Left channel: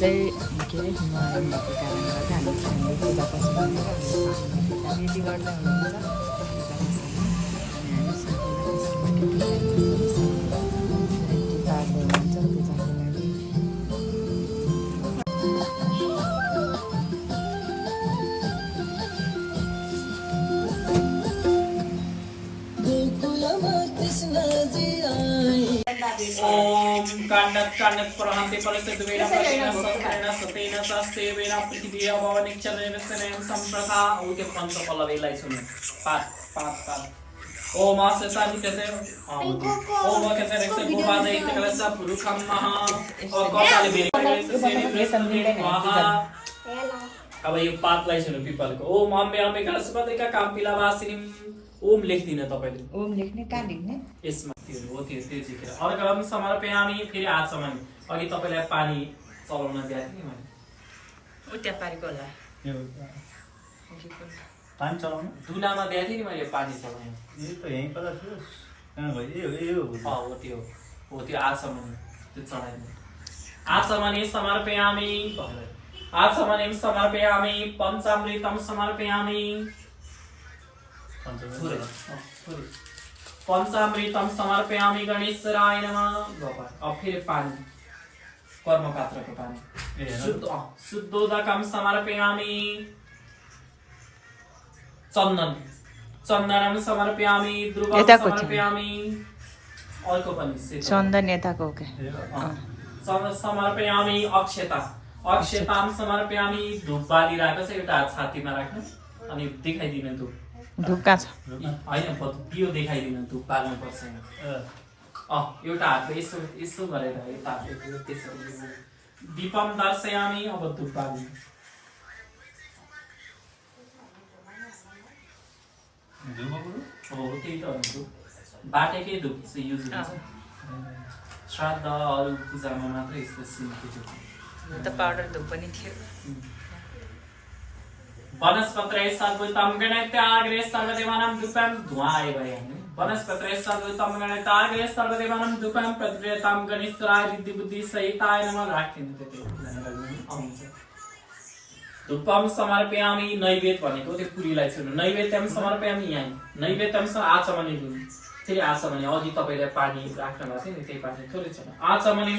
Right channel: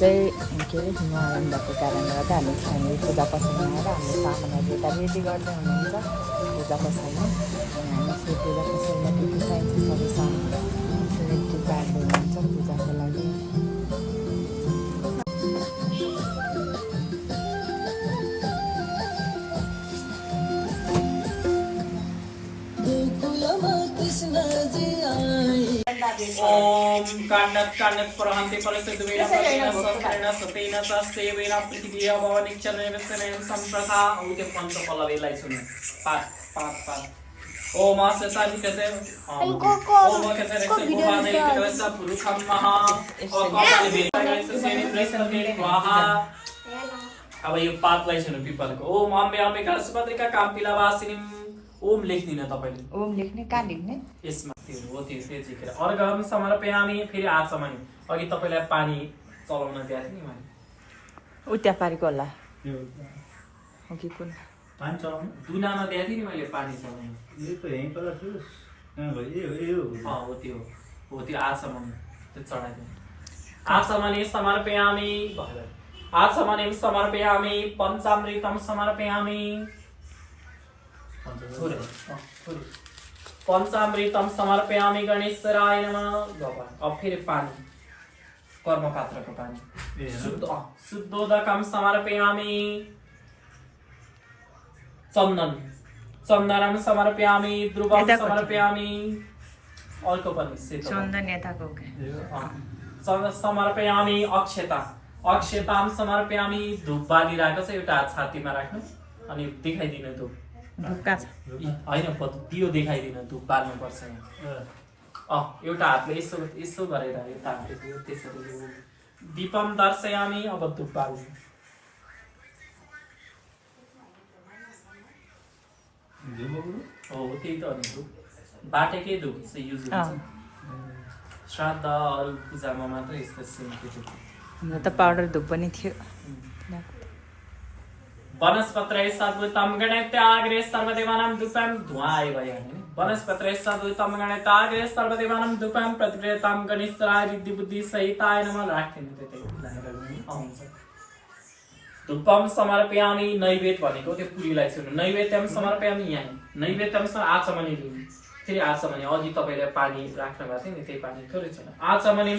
चाहिँ के अरे हिमालयन भएको कारणले गर्दा हामी पूजा पसलमा आएर हामीले सामानहरू यता रेडी गर्दै हुनुहुन्छ पूजा पसलमा अनि हामी चाहिँ पूजा पसलमा के के चाहिन्छ सबै सामान रेडी पार्दै हुनुहुन्छ पूजाको लागि ओम कांडक कांडक प्रहंते फलस्य दुवेना पलिना संस्करेण सतेन तस्तेवेन पृथिवी भवनिक्षरेण सनेन संप्रथा औते पंच पल्लवीलाई सुन्नु पाठ पाठ पाठ ओम सताधिकते ओम कते रक्ष गोपादे कलश पुरुषम महा ओ कपाले बेरिस सेनि महा अब यो पाठलाई सुन्नु पिपलको ओम अम्बे अम्बे कलशपतिका कामपिला वासिनी ओम लेख्दिन तपाईले ओम लेख्ने कहाँ लेख्ने यसमा त्यो हो त्यो झिकेर अर्घम समर्पयामी फेरि आचमन अघि तपाईलाई पानी चलाउन दिएको थिएँ नि मैले उता पारेको होला पानी चलाउनु दुनामा दिएको थिएँ नि मैले पानी चलाउन यो त यहीँ पर थियो कहाँ गयो हो त्यो आचमन त्यो चढाइदिनु आचमने समर्पयामी आचमने समर्पयामी पञ्चामृतम समर्पयामी पंचामृतम समर्पयामी गणेशराय नमः भगवान अब फिर पानी कर्म पात्र को पानी शुद्धोदकम समर्पयामी चंदन चंदनम समर्पयामी ध्रुवम समर्पयामी अर्को पनि चन्दन यताको के समर्पयामी अक्षता अक्षताम समर्पयामी धूप बालिरहेको छ एउटा हात छातीमा राख्नु अनि देखाइदिनु धूप धूप कहाँ छ हैन दियो देखाइदिनु धूप बाल्नु पर्छ एउटा हातले यसो यसो गरेर यता त्यसरी दीपम दर्शयामी अब धूप बाल्नु हो त्यही त हो धूप बाटेकै धूप चाहिँ युज हुन्छ श्राद्ध अरू पूजामा मात्रै यस्तो सिमको धूप त पाउडर धूप पनि थियो वनस्पत्रैः सद्भुतं गणैत्याग्रे सर्वदेवानां दुःखं धुआँ आयो भयो हैन वनस्पत्रैः सद्भुतं गणैत्याग्रे सर्वदेवानां दुःखं प्रतिप्रेतां गणेशराय रिद्धि बुद्धि सहिताय नमः राख्दिनु त्यतै आउँछ धूपम समर्पयामि नैवेद्य भनेको त्यो पुरीलाई छुनु नैवेद्यम समर्पयामि यहाँ नैवेद्यम आचमनी लिनु फेरि आचमनी अघि तपाईले पानी राख्नु भएको थियो नि त्यही पानी थोरै छ आचमनी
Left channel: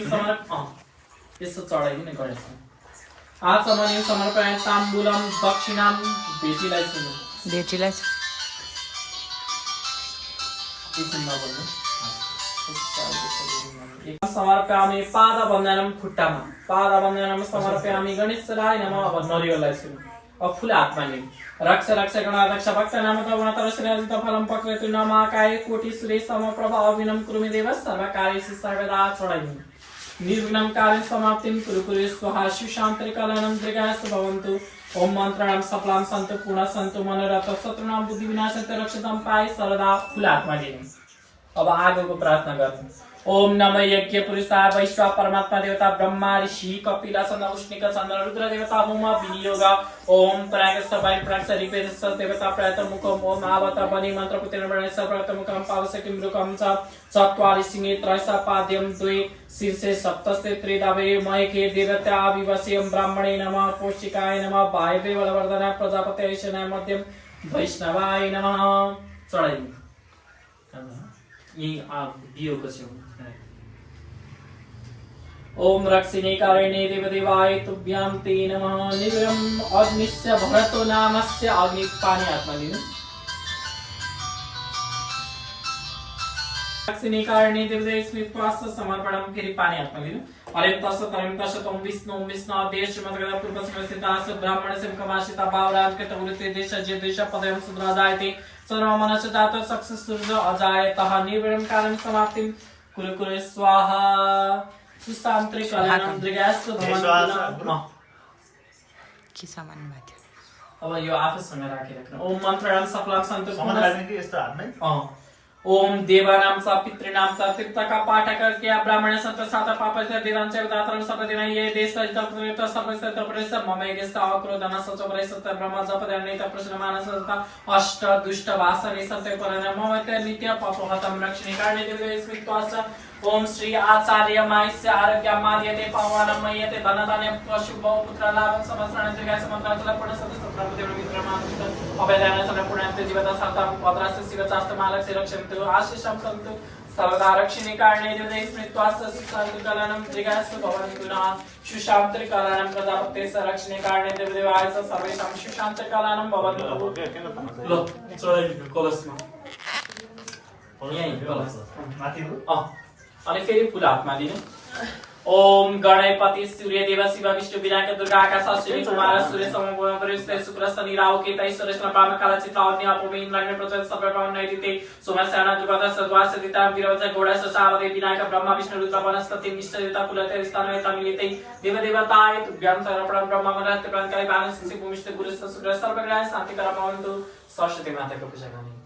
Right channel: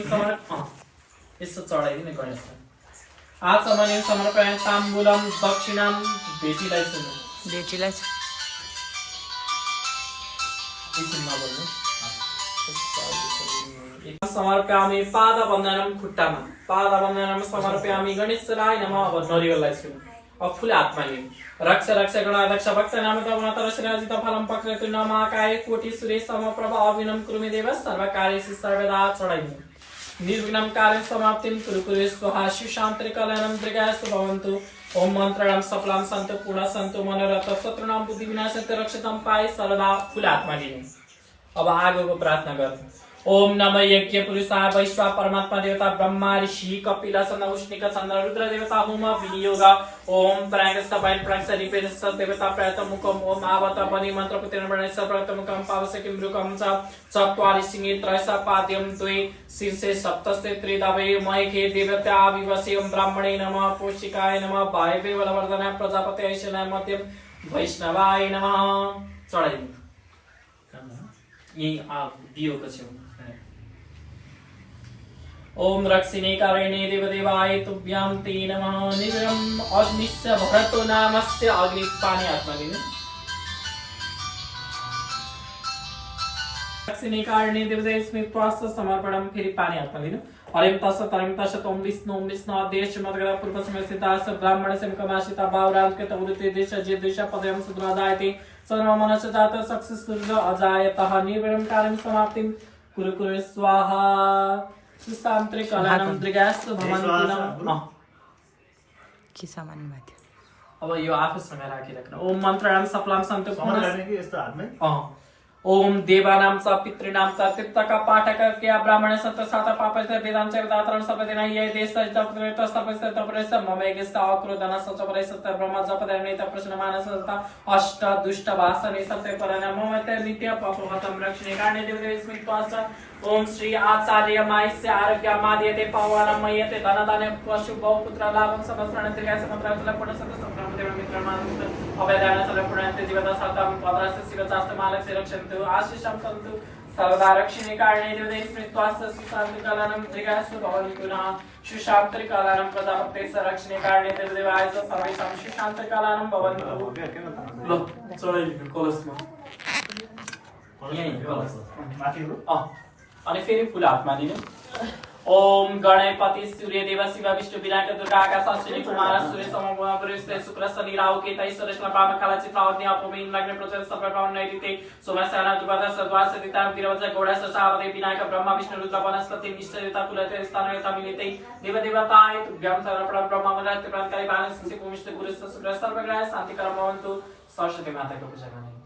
यसो चढाइदिनु गणेश आचमने समर्पयामि ताम्बूलम दक्षिणाम बेटीलाई सुन्नु बेटीलाई समर्पयामि पादवन्दनम खुट्टामा पादवन्दनम समर्पयामि गणेशराय नमः अब नरिवललाई सुन्नु अब फुल हातमा लिनु रक्ष रक्ष गणाध्यक्ष भक्त नाम तमातर सेनाजित फलम पक्रेतु नमाकाय कोटि सुरेश समप्रभ अभिनम कुरुमे देव सर्वकार्येषु सर्वदा चढाइनु निर्विघ्नं कार्यं समाप्तिं कुरु कुरु स्वाहा शिवशान्ति कल्याणं दीर्घायुः भवन्तु ओम मन्त्रणां सफलां सन्तु पूर्ण सन्तु मनोरथ शत्रुनां बुद्धि विनाशते रक्षतां पाए सर्वदा फुल हातमा लिनु अब आगोको प्रार्थना गर्नु ओम नमः यज्ञ पुरुषाय वैश्वा परमात्मा देवता ब्रह्मा ऋषि कपिला सन्द उष्णिक चन्द्र रुद्र देवता होम विनियोग ओम प्रागस्थ बाइन प्रागस्थ रिपेश देवता प्रयत मुखम ओम आवत बनि मंत्र पुतेन वर्णेश प्रयत मुखम पावसकिं रुकम च चत्वारि सिंहे त्रयसा पाद्यम द्वे शीर्षे सप्तस्ते त्रिदावे मयके देवता विवस्यं ब्राह्मणे नमः पोषिकाय नमः वायवे बलवर्धनाय प्रजापतये शनाय मध्यम वैष्णवाय नमः चढाइनु यही दियो पछि ओम रक्षिणे कारिणे देवदेवाय तुभ्यां ते नमः निग्रम अग्निस्य भरतो नामस्य अग्नि पानी हातमा लिनु रक्षिणे कारिणे देवदेव स्मृत्वास्थ समर्पणम फेरि पानी हातमा लिनु हरिम तस तम विष्णु देश मदगदा पूर्व समस्थितास ब्राह्मण सेमकमाशिता बावराज के तमृत्य देश जे देश पदयम सुद्रादायते सर्वमनस जात सक्सेस सूर्य अजायतः निर्वणम कार्यं समाप्तिं कुरु कुरु स्वाहा सुसान्त्रे कल्याणं दीर्घायुः भवन्तु के सामान भएको अब यो आफूसँग राखिराख्नु ओम मन्त्रणां सफलां सन्तु सामान राख्ने कि यस्तो हातमै ओम देवानां च पितॄणां च तीर्थका पाठक क्या ब्राह्मण संत साता पापस्य वेदांच वेदातरं सपदिना ये देश तपरेत सपस्य तपरेस ममेगेस आक्रोधना सचपरे सत्य ब्रह्म जपदनेत प्रश्न मानस सत्ता अष्ट दुष्ट वासने सत्य परन ममत नित्य पापहतम रक्षणे कारणे देवे स्मित्वास ओम श्री आचार्य मायस्य आरोग्य माद्यते पावानं मयते धनदाने पशु बहुपुत्र लाभं समस्राण त्रिगाय समत्रां लपण सतसप्तम देव मित्रमानुत अभयदान सलपुणन्ते जीवता सतम पद्रस्य शिरचास्त मालस्य रक्षन्तु आशिषं सन्तु सर्वदा रक्षणे कारणे देवते स्मृत्वास्य सन्तु कलनं त्रिगायस्य भवन्तुना सुशान्त्रिकलनं प्रजापतेस्य रक्षणे कारणे देवदेवायस्य सर्वेषां सुशान्त्रिकलनं भवन्तु लो चढाइ कलशमा माथि हो अनि फेरि फुल हातमा लिनु ओम गणपति सूर्य देव शिव विष्णु विनायक दुर्गा आकाश अश्विनी कुमार सूर्य समगुण वरिष्ठ शुक्र शनि राहु केतु सुरेश पाम काला चित्रा अग्नि अपमेन लग्न प्रचल सप्तम नैदिते सोमस्याना दुर्गा सद्वास सदिता वीरवज गौड़ा सचावदे विनायक ब्रह्मा विष्णु रुद्र वनस्पति निश्चयता कुलते स्थानयता मिलिते देव देवताय तुभ्यं सर्वप्रथम ब्रह्मा वनस्पति प्राणकाय बाण शिशु भूमिष्ठ गुरु शुक्र सर्वग्रह शांति कर भवन्तु सरस्वती माताको पूजा गर्ने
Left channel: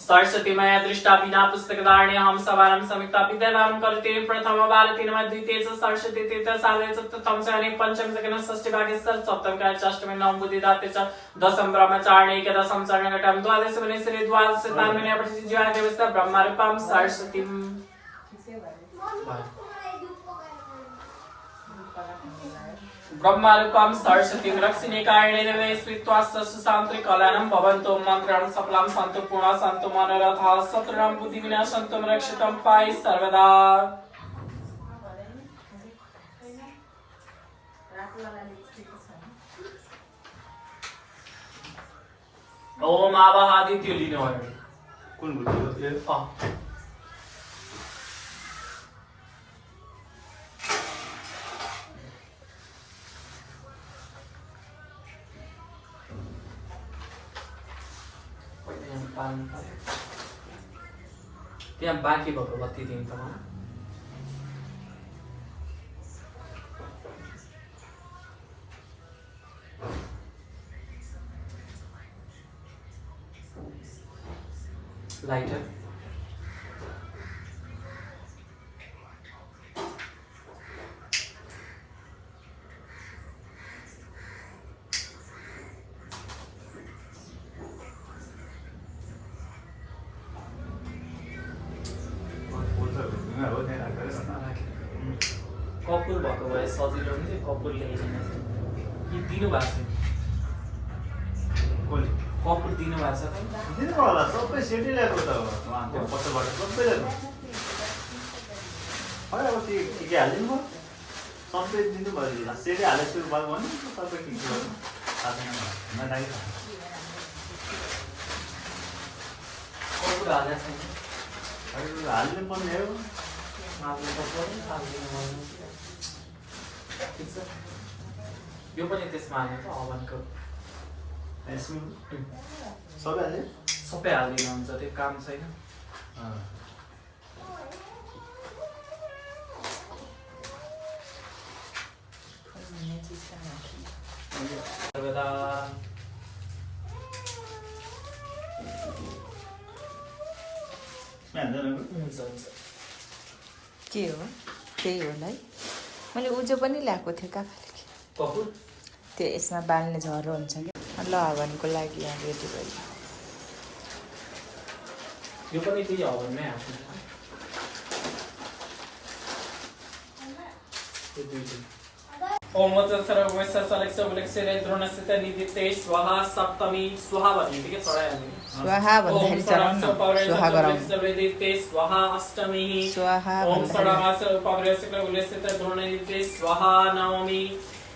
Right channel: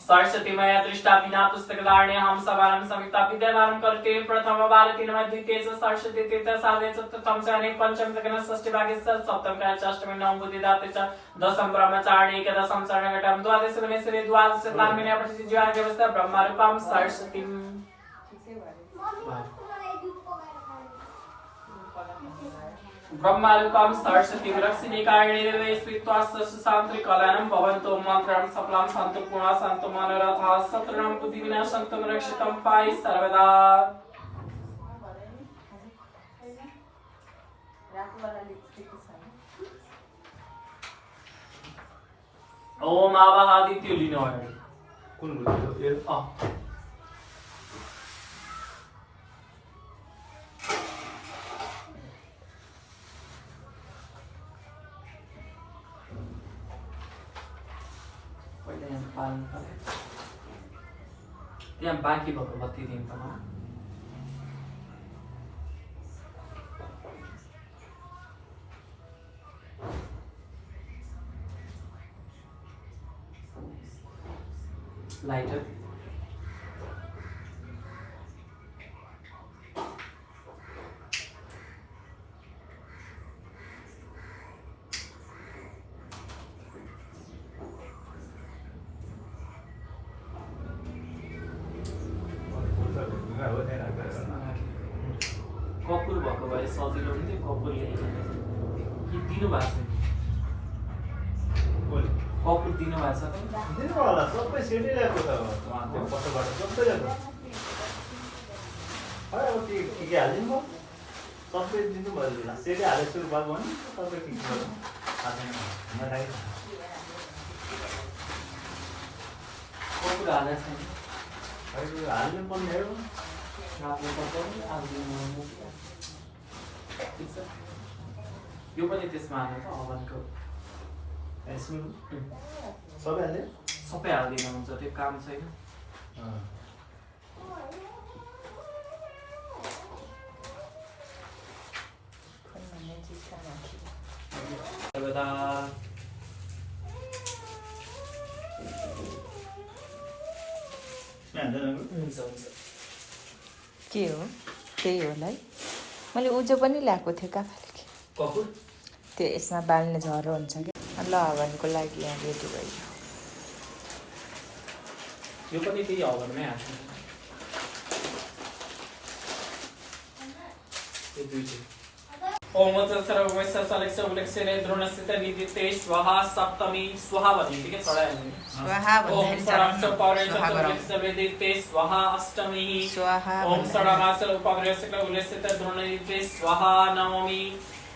सरस्वती मया दृष्टा विना पुस्तक धारणे हम सवारं समिता विद्याधारं कल्टे प्रथम भारती नम द्वितीय च सरस्वती तृतीय साधे चतुर्थम चरणे पंचम सकन षष्ठी भागे सप्तम कने अष्टमी नवम बुद्धिदाते च दशम ब्रह्मचारिणी एकादशम चरणे घटम द्वादश वनेश्वरी द्वादश तान्मने अपचित जीवा देवस्ता ब्रह्म रूपम सरस्वती ब्रह्मारूपं सरस्वती रक्षिणे कारणे देवे स्वीत्वास्य सुशान्त्रिकलनं भवन्तो मन्त्रं सफलं सन्तु पूर्णा सन्तु मनोरथा शत्रुणं बुद्धिविना सन्तु रक्षितं पाहि सर्वदा ओम आवाहादित्य लिनु भयो कुन बुद्धि हो त्यहाँ बाँकी भएको बत्ती दिनु त मलाई लाइटर कपुर भएको भए सजिलो हुन्थ्यो कपुर ल्याइदिनु कि दिनु भएको छैन कपुर दिनु भएको छ दिनु होला सबै सेटै ल्याएको त उहाँको कस्तोबाट सबै ल्याएको है अब के हालिदिनु भयो सबै दिनु भयो सेटै हालेको भएको भने सबै ठिक भयो कपुर हालेको छैन हाल्नु पर्ने हो यो पनि त्यसमा हाल्नु त अभनको सबै हाल्यो सबै हालिदिनु हुन्छ त्यो काम छैन सर्वदा के हो त्यही होला है मैले उजो पनि ल्याएको थिएँ काकाले कपुर त्यो यसमा बाल्ने झरो हुन्छ क्या ल हवनको लागि यहाँ रेडी भयो यो पनि त्यही हवनमै हाल्छु यो दुईटै ओम वचन सर्व वैश्य सलेक्ष उलेक्ष्यले द्रोणस्थित निदिते स्वाहा सप्तमी स्वाहा भन्ने के चढायो स्वाहा ओम भन्ने षडंश पौरेश उलेक्ष्यवेदिते स्वाहा अष्टमी स्वाहा ओम षडमास उपग्रह उलेक्ष्यत द्रोणनिदिते स्वाहा नवमी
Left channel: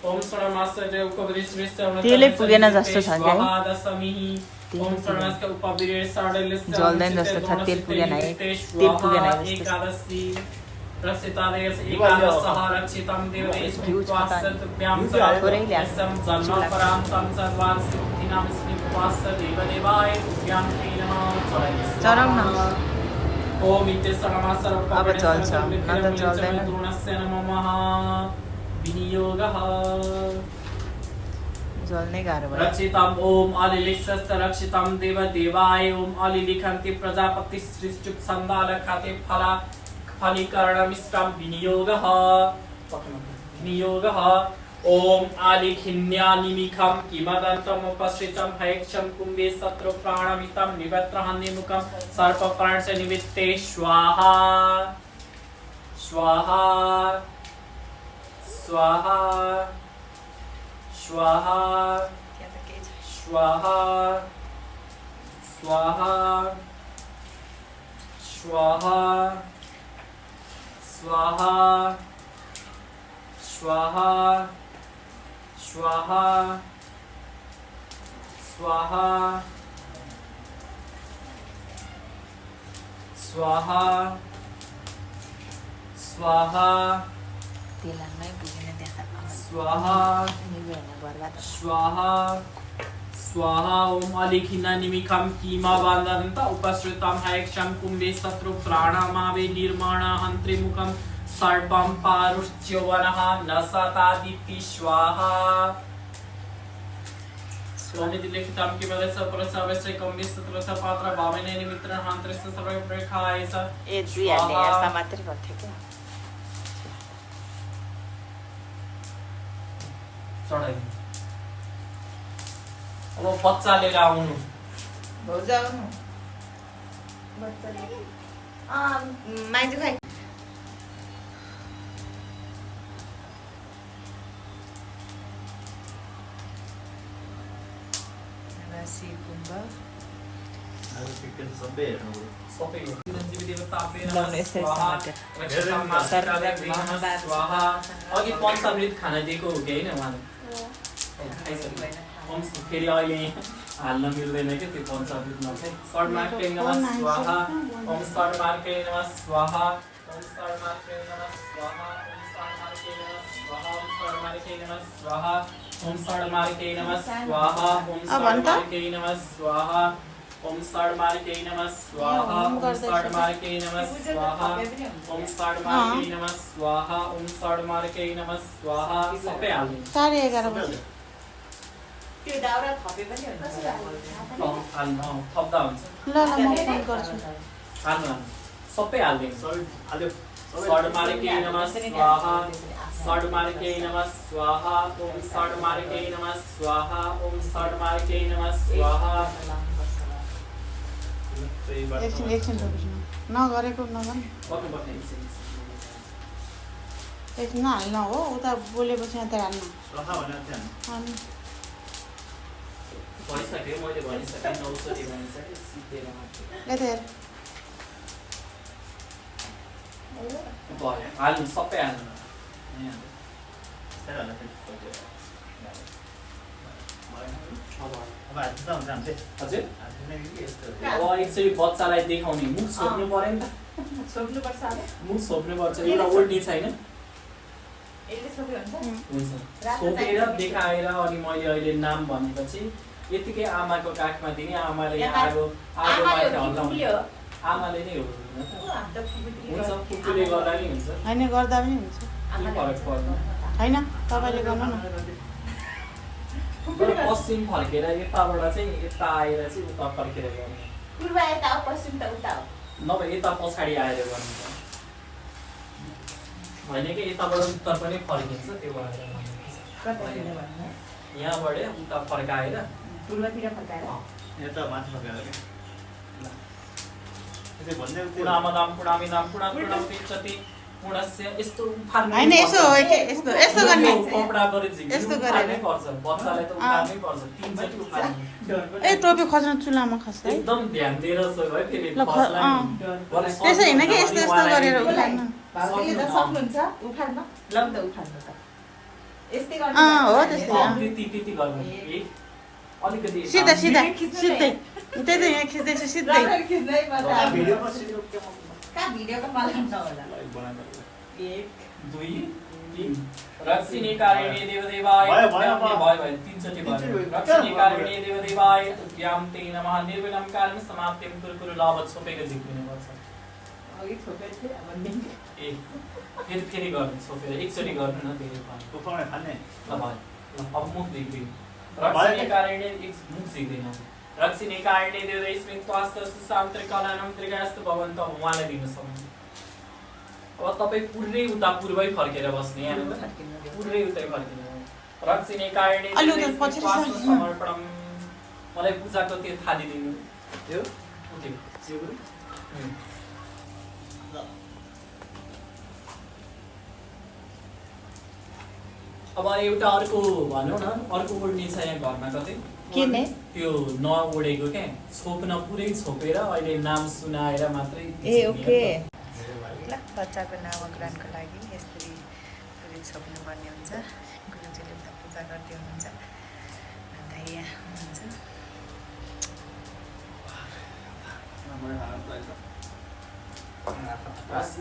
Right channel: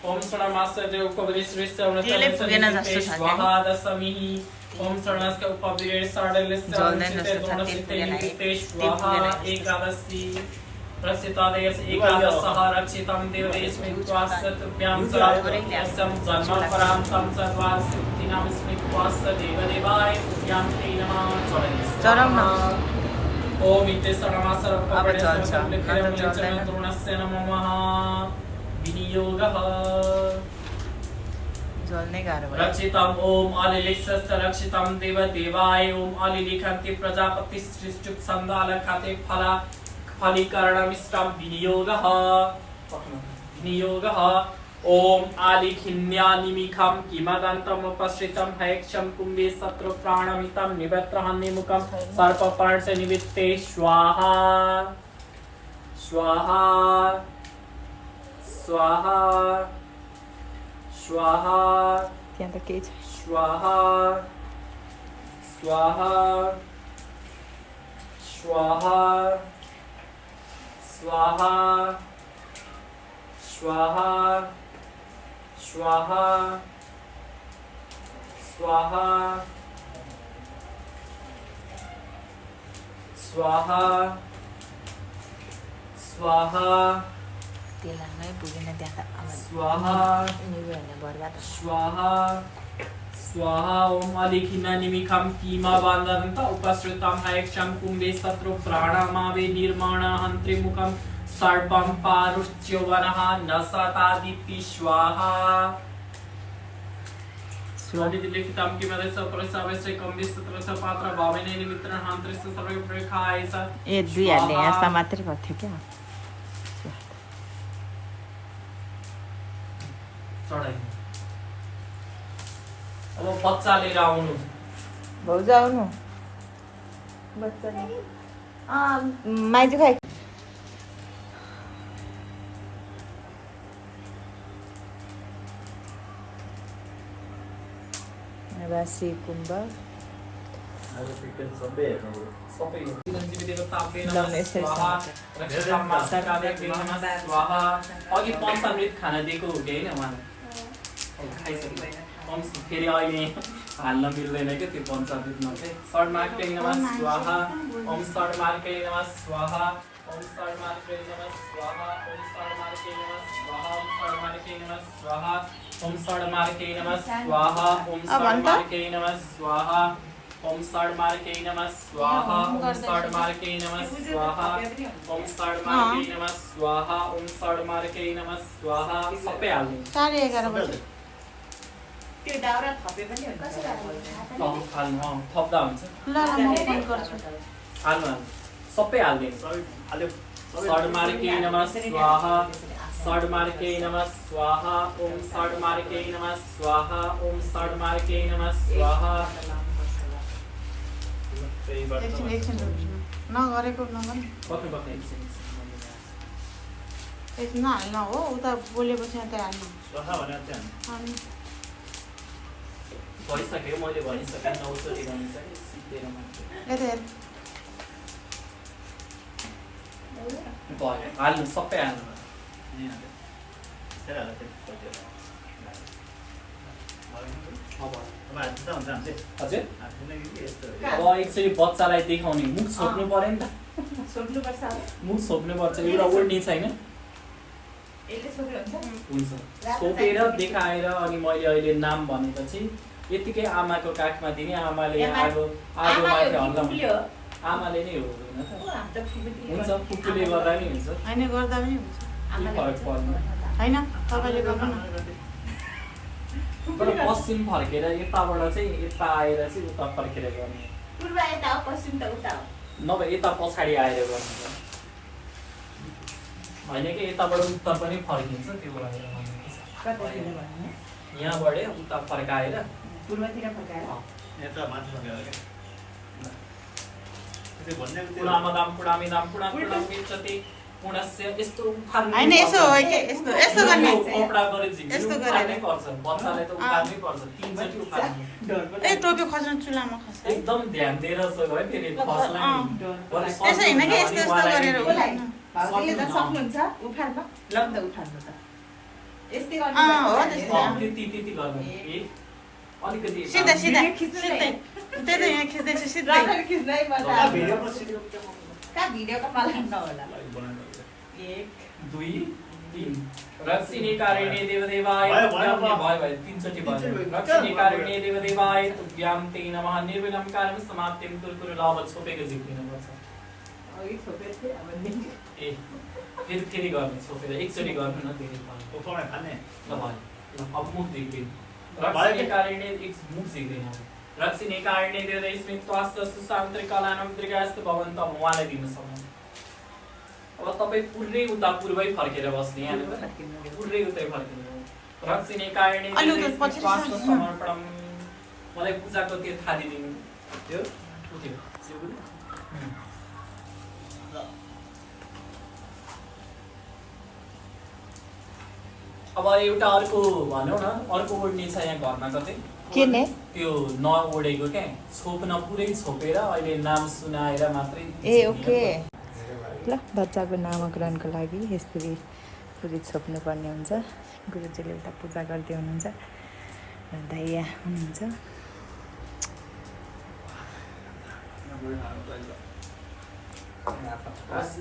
ओम षडमास उपग्रह स्वाहा दशमी ओम षडमास उपग्रह द्रोणनिदिते स्वाहा एकादशी रक्षितादेश एकादशः रक्षितं देवदेशमित्वास्तुभ्यां सर्वं जन्म परां संसद्वारसिद्धिनामस्मित्वास्त देवदेवाय तुभ्यां ते नमः चरम ओम इति सर्वमासर्पणस्य द्रोणस्य नमः विनियोगः जल्नै गाह्रो भयो रक्षितम् ओम अलिलिक्षस्त रक्षितम् देव देवाय ओम अलिलिखन्ति प्रजापति सृष्टि छन्दालकाते फला फलीकरणमिष्टं विनियोगः विनियोगः ओम आलिखिन्यानिमिखं किमदन्तमुपश्रितं हैक्षं कुम्भे शत्रु प्राणमितं निवत्रहन्निमुखं सर्पप्राणस्य निवित्ते स्वाहा स्वाहा स्वाहा स्वाहा त्यहाँ त केही छ स्वाहा स्वाहा स्वाहा स्वाहा स्वाहा स्वाहा स्वाहा स्वाहा स्वाहा पुलाङमै पुगेन त्यहाँ त स्वाहा बर्बाद स्वाहा स्वाहा ओम अलिखिन्यानिमिखं कीमाबान्धन्त उपश्रुतं हैक्षं कुम्भे शत्रु प्राणमावे निर्माणहन्त्रिमुखं सर्पं पारुच्यवनः नशतादिति स्वाहा स्वामिति लिखितं किमदेश परसवस्य कम्भे शत्रु पात्र भावेन निमित्रहन्त्रस्य सर्वप्रेखाय च ए दुई हाल्ने यस्ता मात्रै गर्थ्यो चढाइ अब बच्चा लिएर आउनु भाउजू आउनु माइजू खाइ राशि कुम्भ आज पिक्चर सबै हेर्नु सबै देवताभ्यै लाउने यसरी स्वाहा रक्षकमा सर्वदेव नमः स्वाहा अघि पञ्चामृत खान दिएको हो कि हैन उहाँले खाइसक्यो फेरि अहिले हाल्न मिल्दैन क्या त्यो पञ्चामृत नखाइ सर्मार्कै नमः स्वाहा ओम सर्मार्कै नमः स्वाहा ओम सर्मार्कै नमः स्वाहा ओम सर्मार्कै नमः स्वाहा ओम सर्मार्कै नमः स्वाहा ओम सर्मार्कै नमः स्वाहा ओम सर्मार्कै नमः स्वाहा ओम सर्मार्कै नमः स्वाहा ओम सर्मार्कै नमः स्वाहा ओम सर्मार्कै नमः स्वाहा ओम सर्मार्कै नमः स्वाहा सबै हाल्नु 11:30 बजे त्यो दाउरा थपे पनि हुन्छ हाल्नु थप्दा हुन्छ ल म फोन गर्छु हाल्नु सबै हाल्दिनु सर्मार्कै नमः स्वाहा सर्मार्कै नमः स्वाहा ओम सर्मार्कै नमः स्वाहा ओम सर्मार्कै नमः स्वाहा एकछिन नगरेको नगर्ने बक्नु बक्नु एकछिन नहाल्न हो उता बोलेपछि त हाल्न स्वाहा भनेर चाहिँ हाल्नु भइसक्यो मैले भनिसकेँ 900 भनिसकेँ सिद्धेर यता हेर भयो हाल्नु सबै हाल्नु त्यसलाई फेरि अब अब हात्दा हुन्छ हामी हजुर हात्दैन कि यस्तो अब एकचोटि बच्चालाई देखाउने मुख छोप्नु पर्यो नि त सोध्नुपर्छ अब मुख छोप्नु पर्छ एउटा उल्टी छैन यसले सोध्यो हुन्छ छोपेर देखाएर अनि मैले अहिले नाम भनेपछि यतिकै आमाको काखमा दिने आमाले आगो आगो माथि हल्लाउने आमाले नै हो हुन्छ कुकुरले गर्दा पनि हुन्छ होइन गर्दा पनि हुन्छ केही फरक पर्दैन होइन तपाईँले गर्नु न तर पश्चिम फर्केर यताबाट चाहिँ यता आएर चाहिँ उता फर्केर गर्ने पूर्व यता हो पश्चिम त उता हो नभए यता पछाडि आएर गर्नु होइन कि यताबाट उत्तर पनि फर्किन्छ त्यो भएर यहाँबाट उता फर्काएर पूर्वतिर फर्काएर यता माथि फर्केर के त्यो भन्ने पुणामदाम पुणामिदाम पुणाम पुणाम विचति पुणस्य यस्तो उखाल्नु होइन यसो हो कि यस्तो यस्तो गर्ने कपडा गरे झिक्नु यस्तो गरेर। उखाल्नै पर्छ बच्चालाई त उखाल्नै पर्छ तीनचोटि उखाल्नु ए टोपी खस्न चुलामा खस्छ एकदम ध्यान दिएर सो भयो फेरि खस्ला नि त्यसो होइन कि यस्तो यस्तो गरेर उखाल्नु भाउजूले त सक्नुहुन्छ उखाल्न ल त उखाल्नु त यस्तै हो गर्नु त्यस्तै त्यति त्यति गर्नु अलिकति सिधा सिधा सिधै त्यही त यहाँ खिच्दैछ सिधै राम्ररी खिच्दै मजा आउँछ। भिडियोमा सिक्नु कहाँ भिडियोको पालन नहोला बनाएको 1 2 3 रक्षिणीकारिणी देवदेवाय भयो, भयो, तुभ्यां भयो। भयो तीनचोटि भयो रक्षिणीकारिणी देवदेवाय तुभ्यां ते नमः निर्विघ्नं कार्यं समाप्तिं कुरु लाभ छोपेको जित्नु पर्छ अघि छोपेको थिएँ अब नि ए फेरि गर्ने छोपेर एकचोटि गर्नु न धेरै भयो उठाउने खाने ल भयो ल अब मुख देख्दिन रक्षिणे कारणे एक मुख सिक्दैन रक्षिणे कारणे देवदै स्मित्वास्त सुशान्त्रे कलानम दीर्घास्तु भवन्तु अब उहाँलाई दिनु सक्नु अब तपाईँ पुरै उता पूर्वै फर्केर बस्ने यहाँनिर पुरै उतै फर्किने रक्षिणे कारणे देवदै स्मित्वास्त समर्पणम मलाई पूजाको त्यो थाली दिनु यो उठ्यो जिउ अब एउटा अर्को भनौँ न अर्को ओढ्ने छ यहाँ घरमा कतै किने त्यो नओढेको क्या छोप्न पुरै छोपेर अहिले नाम सुनाएर मात्रै ए ओके ल बच्चाको नामकरणको लागि यसरी पुरै छोप्नुपर्ने हुन्छ गुरुजीले उता पूजा गर्दै हुनुहुन्छ एउटा यहाँ हुनुहुन्छ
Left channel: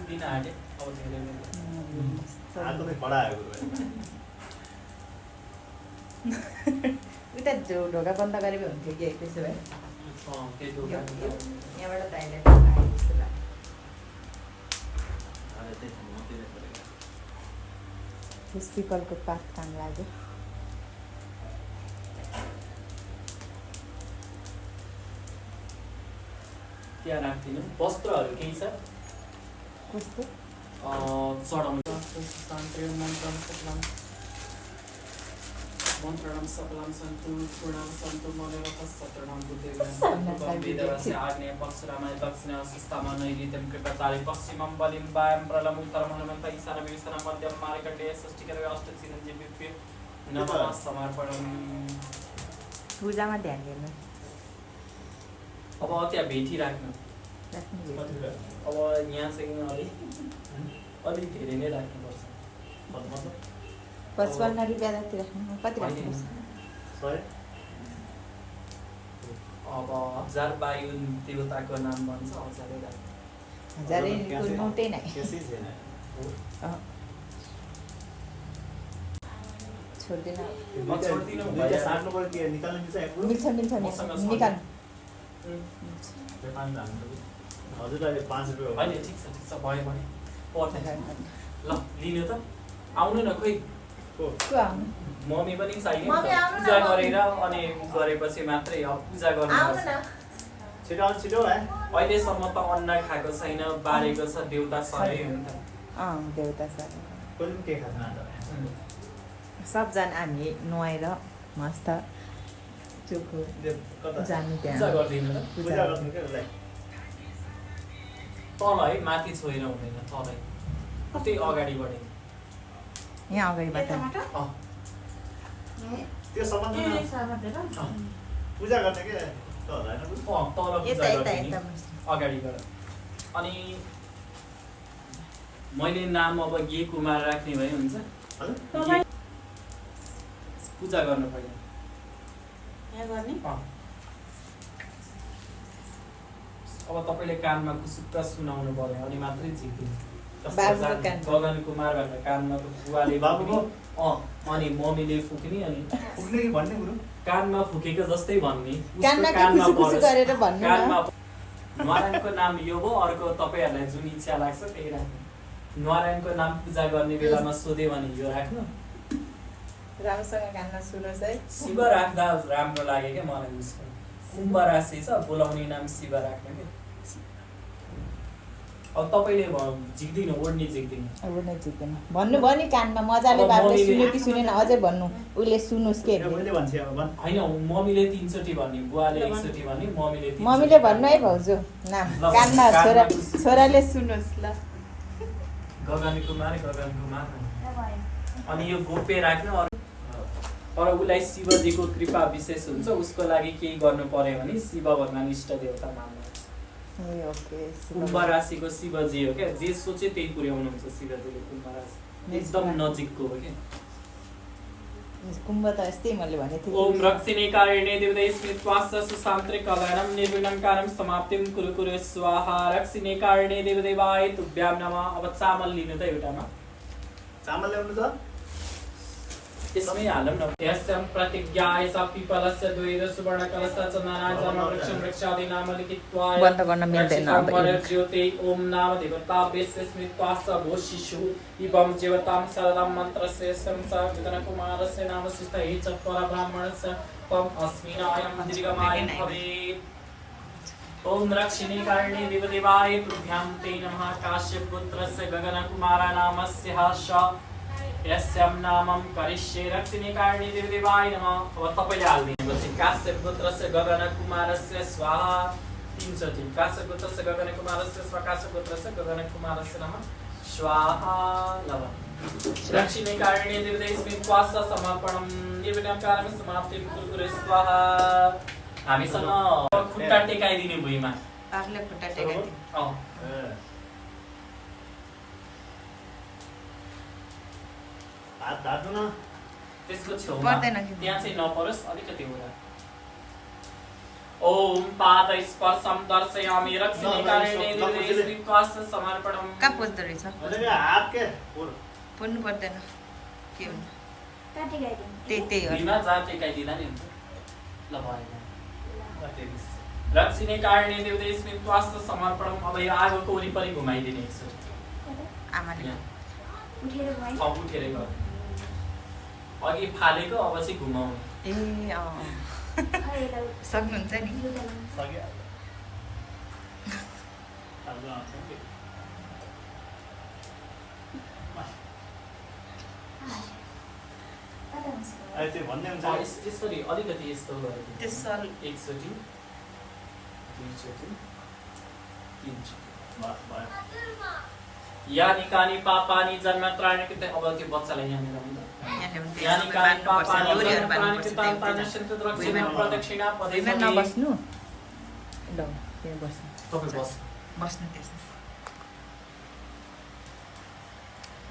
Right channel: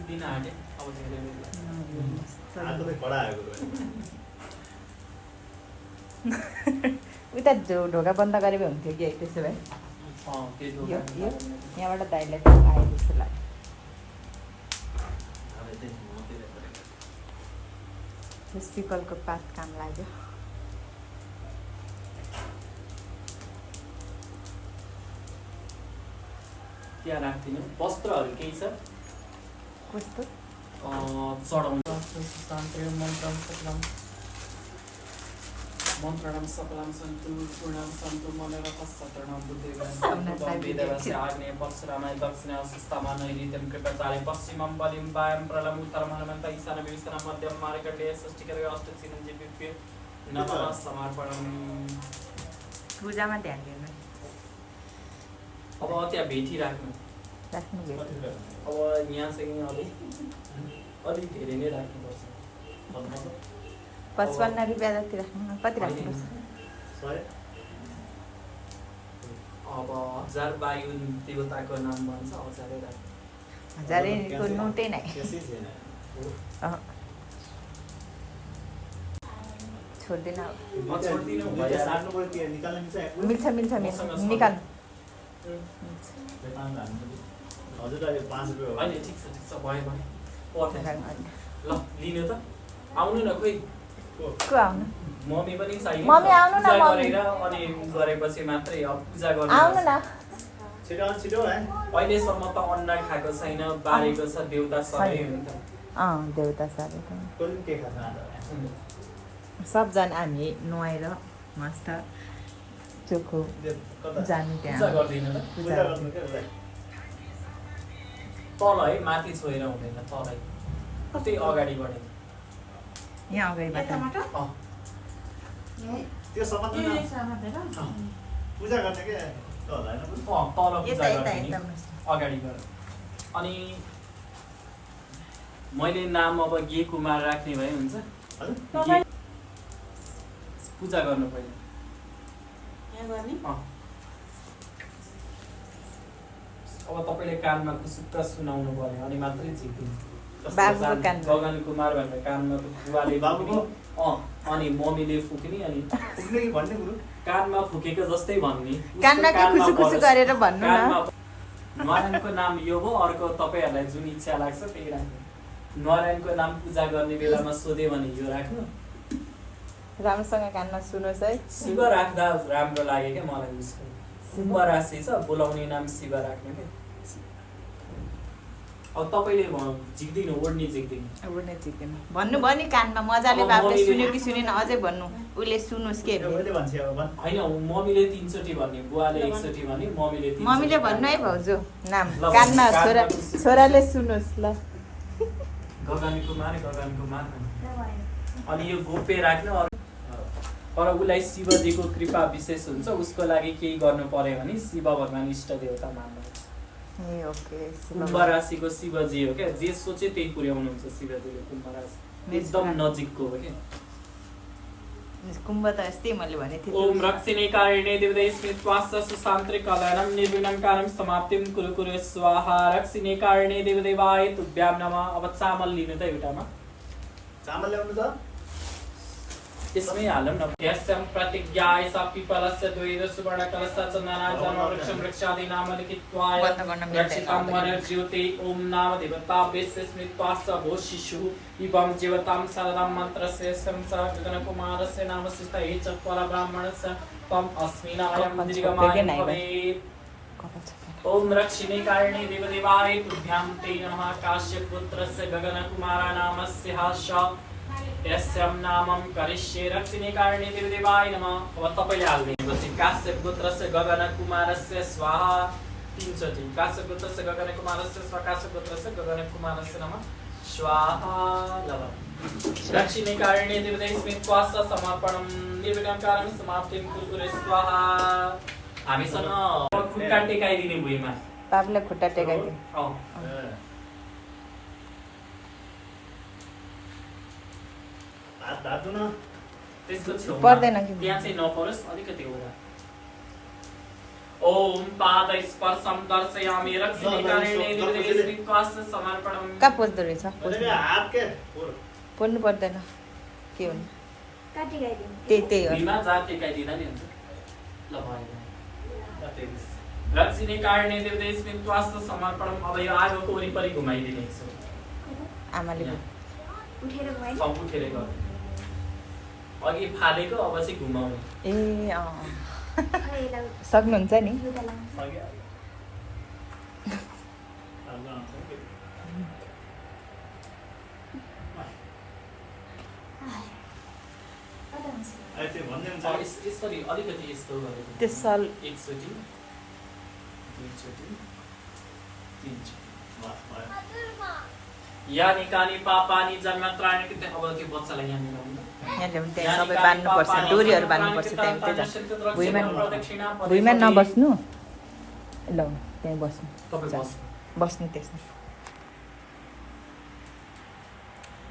दिन आँटे अब धेरै उता ढोका बन्द गरे भए हुन्थ्यो कि त्यसो भए त्यो यहाँबाट दाइले आयो जस्तो लाग्यो यस पिपलको पात काम लाग्यो त्यहाँ राख्दिनु वस्त्रहरू केही छ कस्तो चढाउनु मन्त्रणं सकलं सन्तु पूर्णं सन्तु मनोरथः सतरणं बुद्धेवं वेदवस्य आग्नेय परशुरामाय दक्षिणः सुस्तामा नैऋत्यं कृपाचारि पश्चिमं बलिं वायं प्रलम् उत्तरं हनुमन्त ईशानं विभीषणं मध्यं मार्कण्डेय षष्ठीकरः अष्टचिरञ्जीविभ्यो नमः समर्पणम् पूजामा ध्यान दिनु अब त्यहाँ भेटी राख्नु राख्नु भयो अब यहाँ चाहिँ अलिक धेरै नै राख्नुपर्छ 55 रुपियाँ जति राख्नु कति राख्नुपर्छ अब 1000 वायु देवताको नाम भन्छ 1000 राख्नु 1000 को नोटै नै छोड्दिन म छोड्दिनु मिल्छ मिल्छ निकाल हजुरलाई 5 रुपैयाँ हो होइन ठिक छ भयो पठाइ ल लिनु त आउनु न खोइ को आउनु मम्मी पनि चाहियो मम्मी आउनु न पूजा मम्मी गरेर अनि गरेपछि मात्रै अब पूजा गर्नु आउनु न छिटो है अहिलेसम्म त अन्डा खाएको छैन बारेको छ देउता सबै हुन्छ देउता सबै कोही के खान्छ सबजना हामी नुहाएर मस्त चोखो जानु पूजा त्यहाँ गर्दिनु ल पूजा गर्नु के होला तल है माथि छोएर हुँदैन तलै कतै अगाडि बढे यहाँ अगाडिबाट त्यो सम्बन्ध पूजा गर्ने के त होला हैन तल पूजा यता यता गर्ने यता अगाडि गएर अनि मैले नाम अब गे कुमार राख्ने भए हुन्छ पूजा गर्नु पर्यो अब तपाईँले कानमा कुसुक्क सुनाउनु पर्यो अनि मात्रै जित्दिनु बाबुको कानमा। गगन कुमार भनेर कानमा बुवाले बाबुको? अनि मम्मीले फुक्ने अनि पुग्ने कि भन्ने गुरु कानमा फुकेको जस्तै भन्ने उसको कानमा के कानमा खुसी खुसी परोस्। गरेर भन्नु न। कानमा नारायणको नाम यो हो अर्को तपाईँहरूलाई जुन इच्छा लाग्छ त्यही राख्नु नारायणको नाम पूजा गर्ने बेलामा सोध्यो भने यो राख्नु राम्रोसँग कानमा सुन्नुहोस् है शिव राख्दा राम्रो लाग्यो क्या मलाई उसको कुम्भ राशि छ बोलाउने नाम शिव राख्ने के अब तपाईँले झिक्दिनु ओढ्ने झिक्दिनु अब नै जित्दैन भन्नु भयो नि कानमा मजाले अब बाबुले मम्मीले- सुन्यो कि सुनेन अझै भन्नु उसले सुन्नुहोस् के मैले भन्छ अब भन् होइन मम्मीले 3 चोटि भन्ने बुवाले 1 चोटि भन्ने मम्मीले 3 मम्मीले भन्नु है भाउजू नाम ल, कानमा कानमा छोराले सुन्नुहोस् ल गगन कुमार अनि यो गोप्य राख्नु तर उसलाई शिवजीको कृपा विशेष हुन्छ उसको लागि केही गर्नु पर्यो भने शिव भगवान इष्ट देवता मान्नुहुन्छ ए ओके कुम्भ राशिको शिवजी हो क्या जे सोचे त्यही पुर्याउनुहुन्छ शिवजीले कुम्भ राशि एकदम नजिकको हो क्या कुम्भ त यस्तै मैले भने थिएँ ओम रक्षिणे कारिणे देवदै स्मित्वास्स सुशान्त्रे कलयनं निर्विघ्नं कार्यं समाप्तिं कुरु कुरु स्वाहा रक्षिणे कारिणे देवदै वाय तुभ्यां नमः अब चामल लिनु त एउटामा चामल ल्याउनु त त्यसमै हालौँ न यस्यं प्रतिज्ञाय सा पिपलस्य द्वैध सुवर्णकलशः च नारायणं वृक्षं वृक्षादि नाम लिखित्वाय बन्द गर्न मिल्दैन रक्षितं अब। वरज्योते ॐ नाम देवता वेस्य स्मृत्वास्य भो शिशुः इवं जीवतां शरदं मन्त्रस्य संसर्गगणकुमारस्य नाम शिष्टैः च परब्राह्मणस्य त्वम् अस्मिनायं दीर्घमाय भवेत् ॐ रक्षिणी कारिणी देवदेवाय तुभ्यां ते नमः काश्यपपुत्रस्य गगनकुमारा नामस्य श यस्यां नामं करिष्ये रक्षिणी कारिणी देवदेवाय नमः अब तपाईले हाल्दिनुहोस् काश्यपपुत्रस्य गगनकुमारस्य स्वाहा 3 चोटि काश्यपपुत्रस्य गगनकुमारस्य स्वाहा काश्यपपुत्रस्य गगनकुमारस्य नमः स्वाहा लव रक्षिणी कारिणी देवदेवस्मै त्वास्य समर्पणं निर्विघ्नकारं समाप्तिं कुरु स्वाहा हामीसँग खुट्टा टेकाइदिने भुइँमा बाबुले खुट्टा टेकाइदिनु अँ हात धार्नु न त्यसको छेउमा पर्दैन कि? त्यहाँ चाहिँ नपरोस् अलिकति होला ओम पाद स्पर्शम दर्शयामि रक्षिणी कारिणी देवदेवस्मै त्वास्य समर्पणं कहाँ पोच्दो रहेछ हात के पोल्नु पर्दैन के हुनु काटी गाइदिनु त्यही हो भुइँमा जा टेकाइदिँदा नि हुन्छ ल भयो रक्षिणी कारिणी देवदेवस्मै त्वास्य समर्पणं अब यो आगोको वरिपरि घुमाइदिने एकचोटि आमाले उठेर गए उठेरै भयो अघि फालेको अब चाहिँ घुमाउने ए अँ खै यसलाई सक्नुहुन्छ नि लुगा लाउनु सक्यो आज आउँछ नि कता हुन्छ अहिले त्यो भन्दै हुन्छ यसरी अलिकति यस्तो गरेको त्यो सल एकचोटि दुईचोटि तीनचोटि बस भयो यानि कानि पापानि जन्मत्राणि कृते अब त्यो बच्चालाई यहाँ मिलाउँदा यहाँले हुन्छ यहाँ सबै बाँध्नुपर्छ डोरीहरू बाँध्नुपर्छ त्यही भुइँमा नबस्नु ल त्यहीँ बस्नु तपाईँ बस्नु बस्नु त्यसमा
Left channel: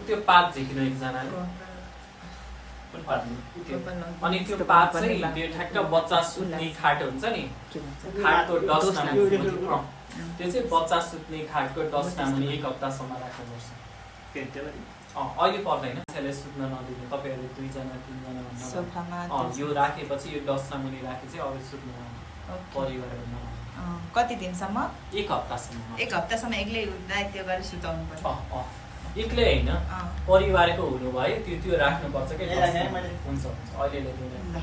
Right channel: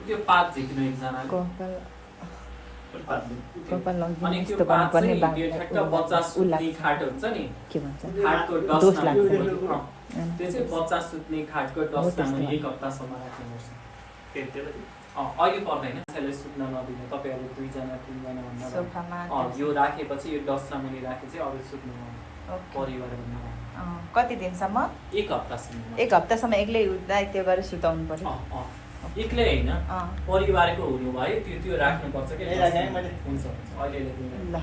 त्यो पात झिकिनु एकजनाले कपाल अनि लगिदिनु त्यो यस्तो पात गर्नुपर्ने चाहिँ त्यो ठ्याक्क बच्चा सुत्ने खाट हुन्छ नि के भन्छ खाटको दोष डस्टमा लाग्छ। त्यो चाहिँ बच्चा सुत्ने खाटको डस्टमा मुनि 1 हप्तासम्म राख्नुपर्छ अघि पर्दैन त्यसैले सुत्न नदिनु तपाईँहरूले 2 जना 3 जना भन्दा सोफामा यो राखेपछि यो डस्टमा मुनि राखे चाहिँ अरू सुत्नु ओके। परिवारमा कति दिनसम्म 1 हप्तासम्म 1 हप्तासम्म एक्लै उठ्दा त्यो गरेर सुताउनु पर्यो एक्लै होइन अँ। परिवारको हुनु भयो त्यो त्यो राख्नुपर्छ कि ए, यहाँ मैले- हुन्छ हुन्छ अहिले ल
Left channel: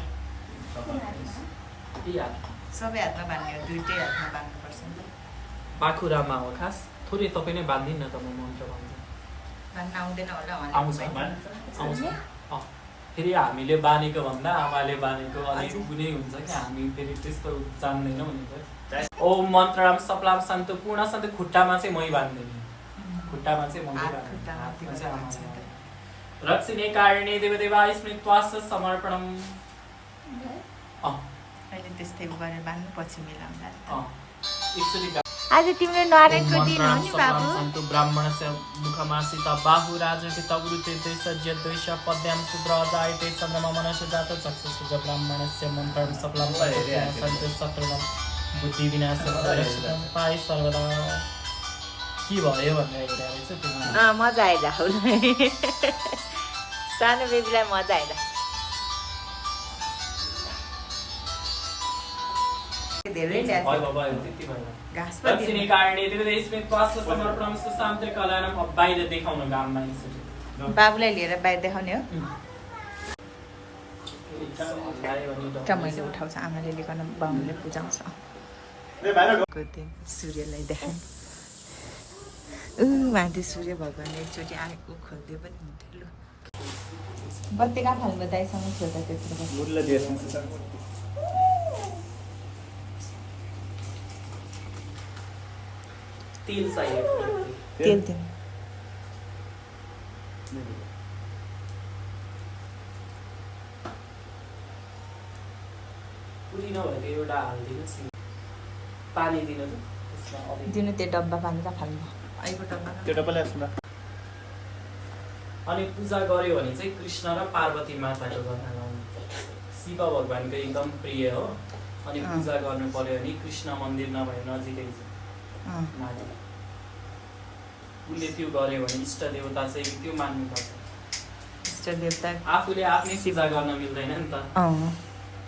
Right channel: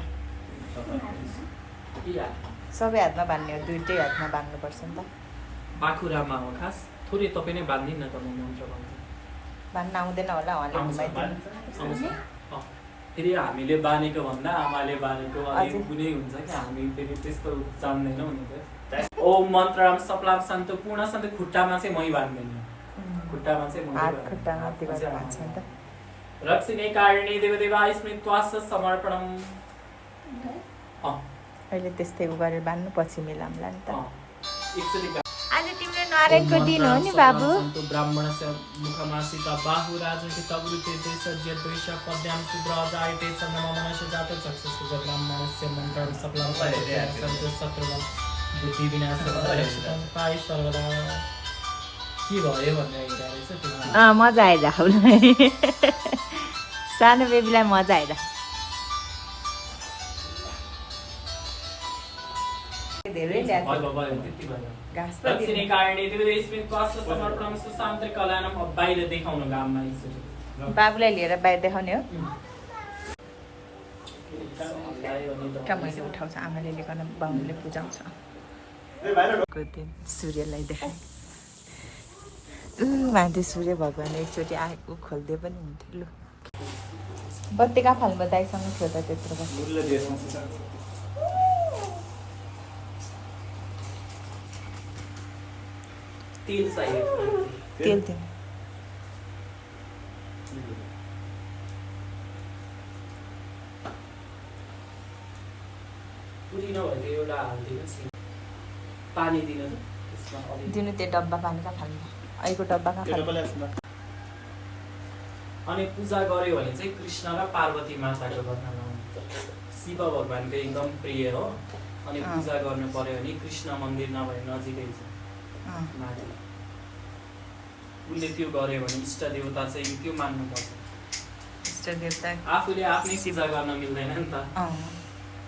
हात सबै हातमा बाँध्ने हो दुइटै हातमा बाँध्नुपर्छ नि त बाखुरामा हो खास थोरै तपाईँ नै बाँधिदिनु न त म मन्त्र भन्छु बाँध्न आउँदैन होला आउँछ उहाँले आउँछ फेरि हामीले बाँधेको भन्दा आमाले बाँधेको अलिक हजुर। कुनै हुन्छ कि हामी फेरि त्यस्तो जान्दैनौँ नि त ओम मन्त्रम सप्लाम सन्तु पूर्ण सन्तु खुट्टामा चाहिँ मै बाँध्दैन खुट्टामा चाहिँ मै हात बाँध्दैन। खुट्टामा त्यो गरेर बाँध्छ नि त रक्षिणी कारिणी देवदेवा स्मृत्वास्य समर्पणम अहिले त्यस्तै उ गरेर बाँध्नु पछि मिलाउँला नि त एकचोटि आज तिम्रो नारायणको दिन हो नि बाबु सन्तु ब्राह्मणस्य मुखमासिता बाहु राजपिता वृते सज्ज द्वेष पद्यां सुद्राजायते चन्द्रमा मनस्य जात चक्षुषुज ब्राह्मणस्य मन्त्रं सफलं सन्तु शत्रुनं बुद्धि विनाशं रक्षितं पाइ सर्वदा के भयो भनेर हेरेर रहेछ त्यो मजा आइज सानो बेबीलाई मजा आइज धेरै ल्याएको भयो भयो त्यति भयो घाँस पनि दक्षिणी कारिणी देवदेवस्मित्वास्य समर्पणं सुशान्तिकलानं अब बाहिर देखाउनु गाममा एकचोटि बाबुलाई लिएर बाहिर देखाउने हो मैले उठाउँछ आमाले लिकन बाबुले पुजाउँछ दिन सूर्यलाई देखाएँ माथि सूर्य भगवान् एकचोटि आएको खोलिदियो पनि हुन्थ्यो लु बत्ती कहाँ फाल्नु दाइसँग छोड्दा त्यत्रो तेल चाहिएको तेल दिनु पुरी नभएको एउटा हालिदिनुहोस् न पानी दिनु त त्यसमा अलिक दिनु त्यो डब्बा पानी कहाँ फाल्नु अहिलेको डब्बा कहाँ फाल्नु? अनि पूजा गर्यो भने चाहिँ कृष्ण र पार्वती माताको कथा गाउनु शिव भगवानको एकदम प्रिय हो अनि पूजा गर्नु पर्यो भने कृष्ण मन्दिर नभए नजिकै छ अँ। माथि उसले त्यो गर्यो भने इष्ट देवता चाहिँ त्यो मान्नुपर्छ इष्ट देवता आफूले आफ्नै पूजा गर्न मिल्दैन नि त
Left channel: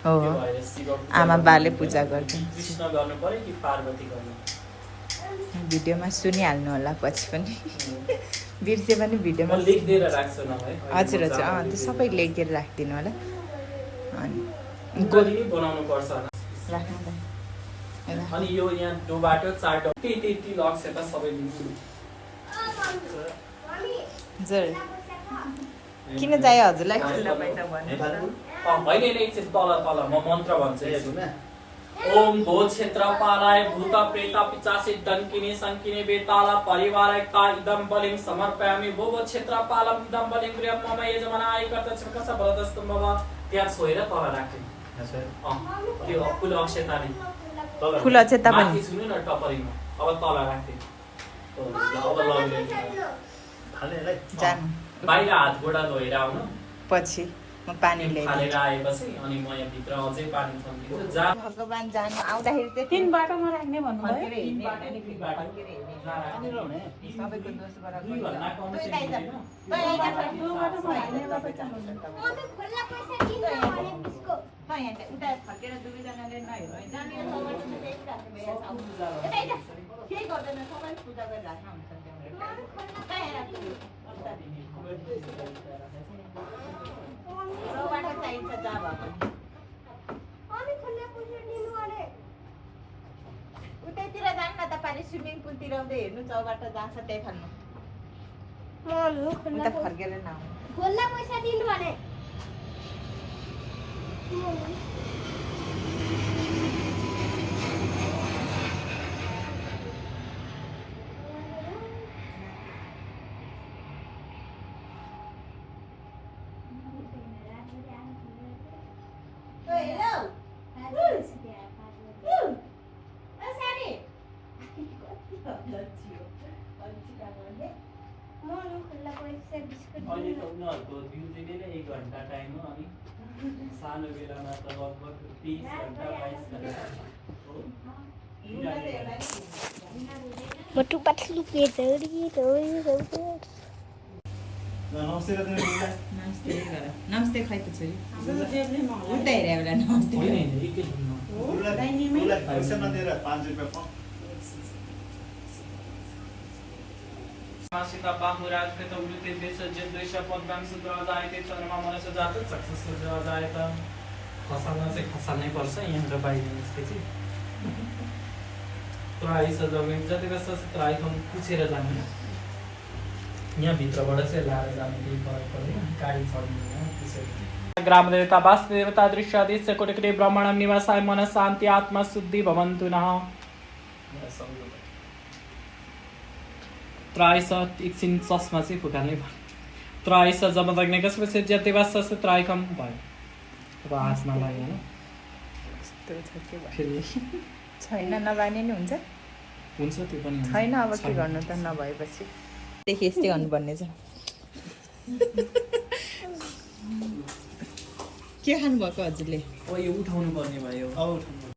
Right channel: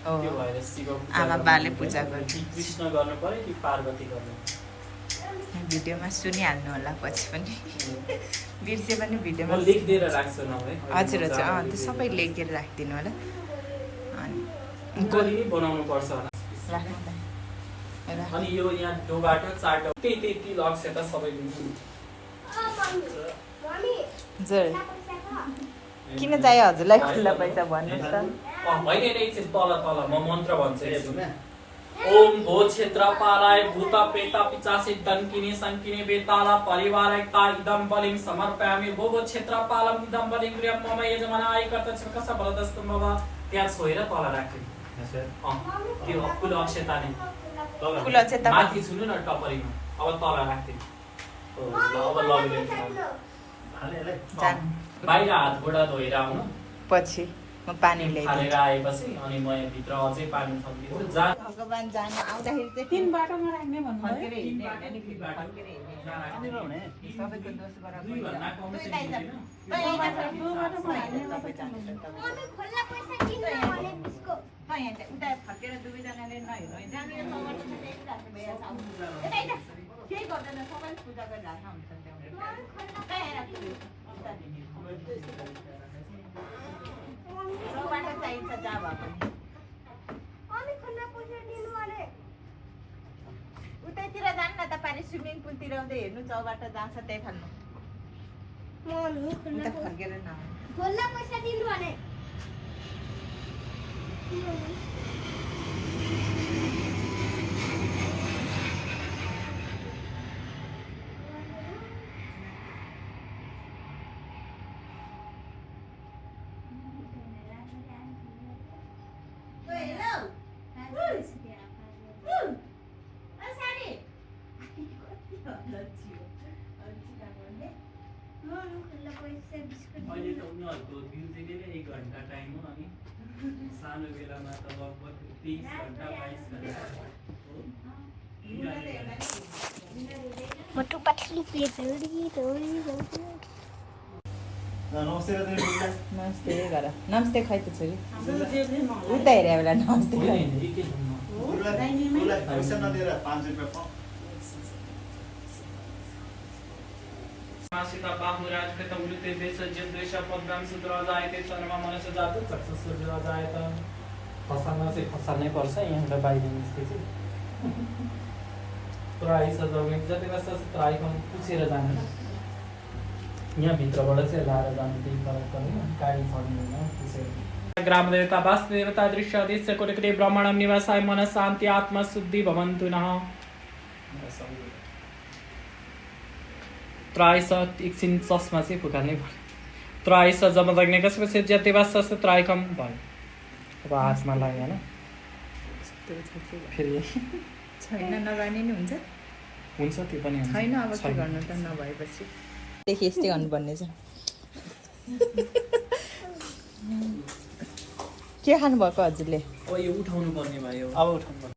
हो त्यो भएर शिव पूजा आमा गर्नु बाले पर्छ। पूजा गर्छन् कृष्ण गर्नु पर्यो कि पार्वती गर्नु भिडियोमा सुनिहाल्नु होला पछि पनि बिर्से पनि म भिडियोमा लेखिदिएर राख्छु नभए हजुर हजुर त्यो सबै लेखेर राखिदिनु होला अनि गोली बनाउनु पर्छ होला राख्नु त राख। अनि यो यहाँ डोबाटो चाटो त्यति लक्ष्य त सबै लिन्छु हजुर किन चाहियो हजुरलाई खुल्ला पैसा भन्नुहोस् त होइन एकछिन तल तल म मन्त्र भन्छु एकछिन। ओम भो क्षेत्रपालाय भूत प्रेत पिचासी डंकिनी संकिनी बेताला परिवारैक्ता इदं बलिं समर्पयामि भो भो क्षेत्रपालम इदं बलिं गृहं मम यजमानाय कर्तच्छकस भरदस्तु मम त्यहाँ छोएर तल राख्दिनु त्यो फुल अक्षताले फुल अक्षता माथि छुनु न टपरीमा अब तल राख्दिनु अब लगिदिनु जानु बाहिर हात गोडा धोएर आउनु पछि म पानी ल्याइदिन्छु हालेर आएपछि अनि म यहाँ भित्र अझै पानी थपिदिन्छु जा भगवान् जानु आउँदाखेरि चाहिँ तीन बाटोमा राख्ने भन्नुभयो फर्केर हिँड्ने होइन नि, फर्केर हिँड्ने। सबैको दोष गरेर दुई घन्टा कम तँ चाहिँ लैजा। हिँड्दैन। तँ लैजा सर। मम्मी खुल्ला पैसा दिनु भने त्यसको तँ यहाँ चाहिँ उता फर्केर दुवैजनाले नहेर्नु है। जानु यो समयमा चाहिँ राख्नु भइरहेछ। यता आइज। केही गर्दैन सबैले पूजा गरिराख्नु हुन्छ त्यो। कहाँ हेर तँ? चौबाटो चाहिन्छ जा भए पनि। मम्मी खुल्ला पैसा दिनु भने उतैतिर जानु न त पारि स्विमिङ पुलतिर आउँदै हेर्नु चौबाटो जहाँ छ त्यही खानु मम्मी उता फर्केर नआउनु खुल्ला पैसा दिनु भने मम्मी खुल्ला पैसा बिस्कुट अहिले दिनु त उनीहरूको ड्युटीले नै 1 घन्टा टाइम हो अनि सानो बेलामा त लगभग 30 घन्टा 22 घन्टा हो मोटू पतलू पे दौड़ी नमस्ते रत्न नमस्ते गर नमस्ते खै त छोरी उता हेरे बेला नमस्ते होइन, गर। होइन, एकैछिनमा। पैसा नदिएर 5 रुपियाँ पाऊ सीता बाहुराज कृतं वृते विसर्जित द्वेष पद्मां सुद्राजायते चन्द्रमा मनस जात सक्सेस सुद्राजायत खसाल्न चाहिँ खसाल्नै पर्छ यहाँबाट बाहिर निस्केपछि त्राई सजाउने जति कस्तो त्राई पनि पुछेर जानु यहाँ भित्रबाट चाहिँ लाएर जानु केही फरक पर्दैन गाडी चढ्दैन त्यसरी ग्राम देवता वास्तु देवता दृश्य आदिश्य कोटिकृते ब्रह्माण्डं निवासाय मन शान्ति आत्मा शुद्धि भवन्तु नः त्रायस एकछिन चस्मा चाहिँ फुकाल्नै भयो त्रायस जब लाग्ने कसपछि जति वास्तव त्रायकम भयो अब हातमा लाग्यो होइन यस्तो छ के भयो। फेरि छैन नबानी नि हुन्छ हुन्छ त्यो पनि हुन्छ। छैन अब के गर्नु त नभएपछि देखि यस्तै गर्नुपर्ने छ के खानुभएको हजुरले अब यो उठाउनु पर्ने भयो अब उठाउनु